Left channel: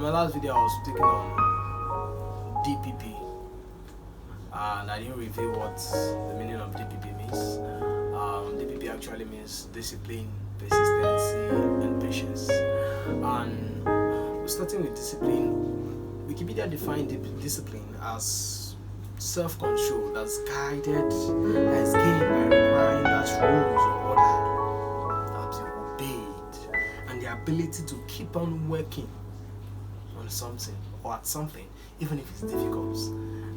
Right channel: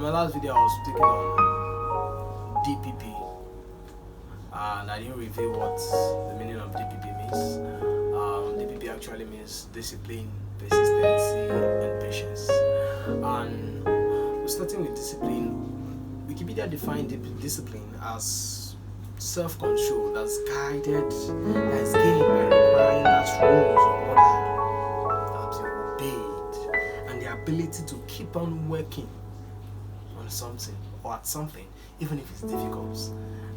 On my last video, I was speaking on DPP, and I didn't reveal what the meaning of DPP means. DPP actually means discipline, persistency, and patience. And we're starting with discipline. Wikipedia defined discipline as self-control that's guided, that is gained by requiring that rules or order that you obeyed, and the ability to keep on working on something or at something, even if it's difficult.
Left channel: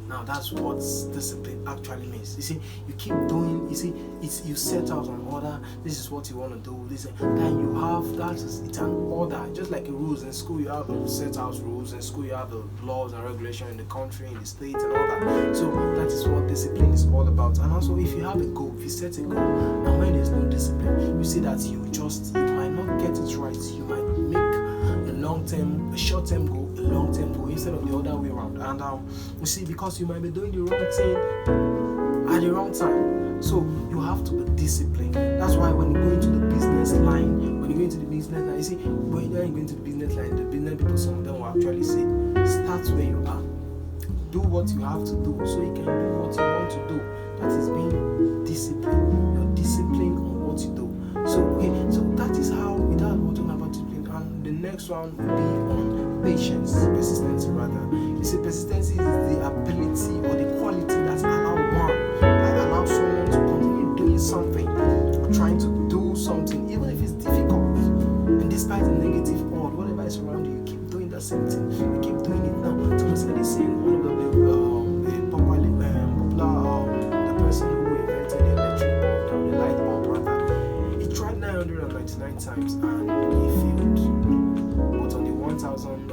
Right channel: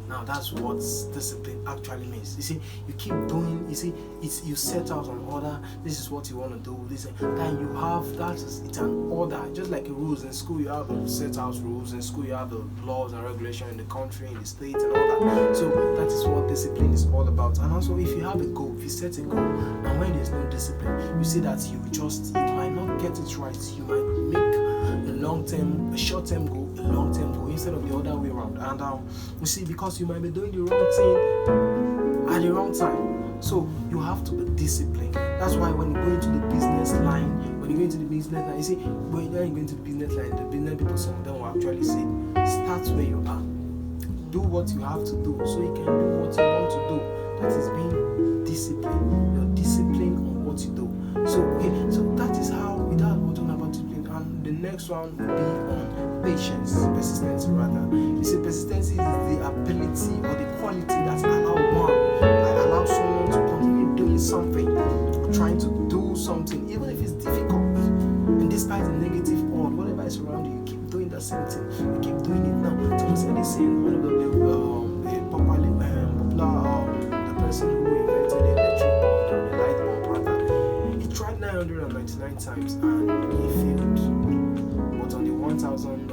Now that's what discipline actually means. You see, you keep doing. You see, you set out an order. This is what you want to do. This, then you have that. It's an order, just like rules in school. You have the set out rules in school. You have the laws and regulation in the country, in the state, and all that. So that is what discipline is all about. And also, if you have a goal, if you set a goal, and when there's no discipline, you see that you might not get it right. You might make a short-term goal, a long-term goal, instead of the other way around. And you see, because you might be doing the wrong thing at the wrong time, so you have to be disciplined. That's why when you go into the business line, you see, when you're going to the business line, the business people, some of them will actually say, start where you are, do what you have to do, so you can do what you want to do. That is being disciplined. You're disciplined on what you do. So that is how we're talking about discipline. And the next one will be on persistency rather. You see, persistency is the ability or the quality that allows someone to continue doing something, or trying to do something, even if it's difficult. And despite the negative odd, whatever is around you, you keep doing the same thing. You keep doing it now. Thomas Edison, one of the popular the person who invented the electric bulb, the light bulb rather, he tried 999 times and he failed. But on the 1,000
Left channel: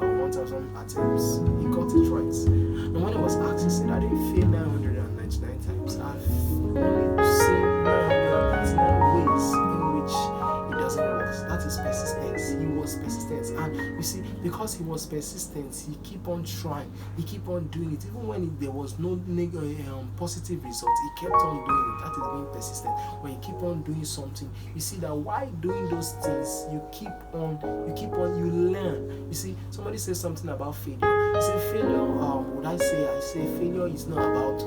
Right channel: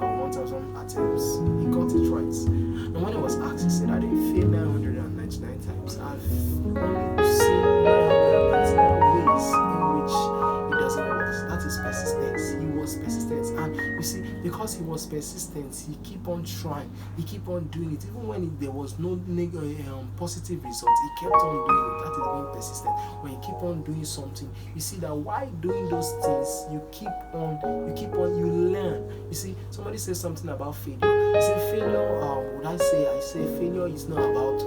attempts, he got it right. And when he was asked, he said, I didn't fail 999 times. I've only seen 999 ways in which it doesn't work. That is persistence. He was persistent. And you see, because he was persistent, he keep on trying. He keep on doing it. Even when there was no positive result, he kept on doing it. That is being persistent. When you keep on doing something, you see that while doing those things, you learn. You see, somebody says something about failure. You say failure, I say failure is not about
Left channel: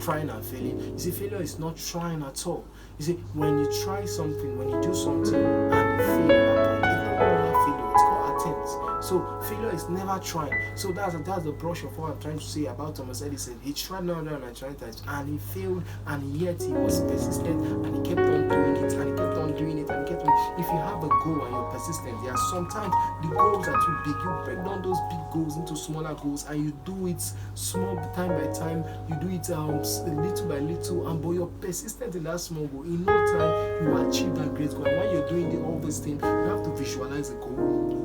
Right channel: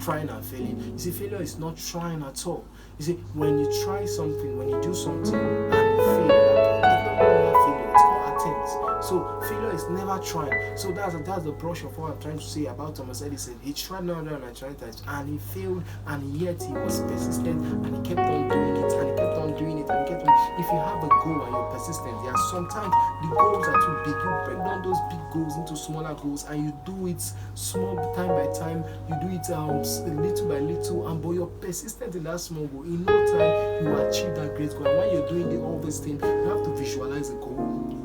trying and failing. You see, failure is not trying at all. You see, when you try something, when you do something and you fail at that point, it's not really failure, it's called attempt. So failure is never trying. So that's the brush of what I'm trying to say about Thomas Edison. He tried 999 times and he failed, and yet he was persistent and he kept on doing it and he kept on doing it and he kept on. If you have a goal and you're persistent, there are sometimes the goals are too big. You break down those big goals into smaller goals and you do it small time by time. You do it little by little, and but you're persistent in that small goal. In no time, you achieve that great goal. And when you're doing all these things, you have to visualize the goal.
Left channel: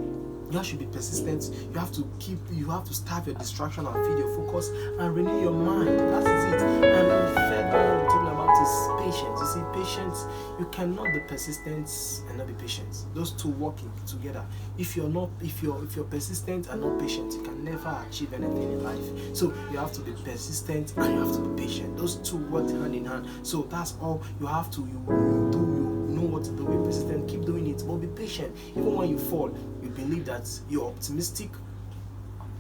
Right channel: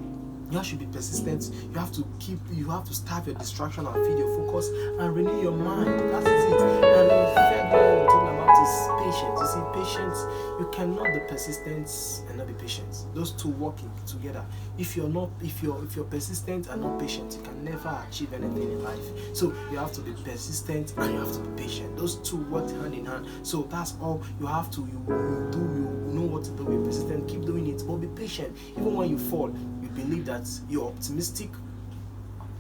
You have to be persistent. You have to starve your distraction and feed your focus and renew your mind. That is it. And then the third one we're talking about is patience. You see, patience, you cannot be persistent and not be patient. Those two working together. If you're persistent and not patient, you can never achieve anything in life. So you have to be persistent and you have to be patient. Those two work hand in hand. So that's all you have to. You know what to do. Be persistent, keep doing it, but be patient. Even when you fall, you believe that you're optimistic,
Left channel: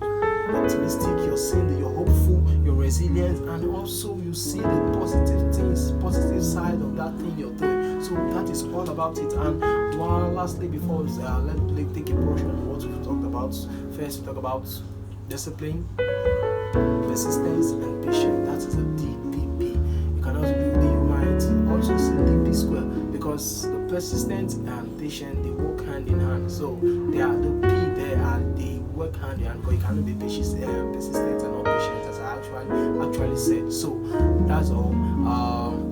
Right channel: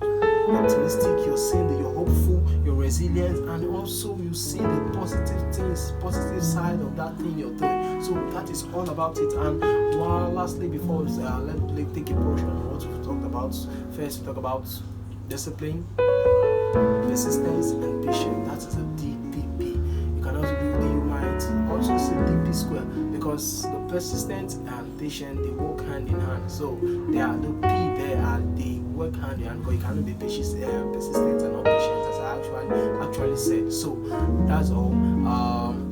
you're saying that you're hopeful, you're resilient, and also you see the positive side of that thing you're doing. So that is all about it. And lastly, before let's take a portion of what we've talked about. First, we talk about discipline, persistence, and patience. That is a DPP. You can also you might also say DP square, because the persistent and patient, they work hand in hand. So they are the P there, and they work hand in hand, because you cannot be persistent and not patient, as I actually said. So that's all.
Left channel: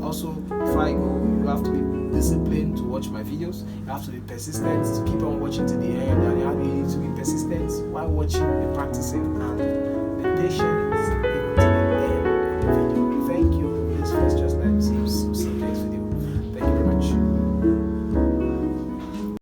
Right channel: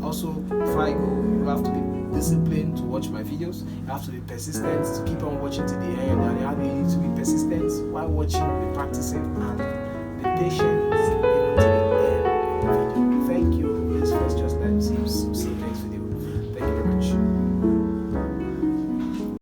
Also, before I go, you have to be disciplined to watch my videos. You have to be persistent to keep on watching to the end, and you have to be persistent while watching, be practicing, and be patient.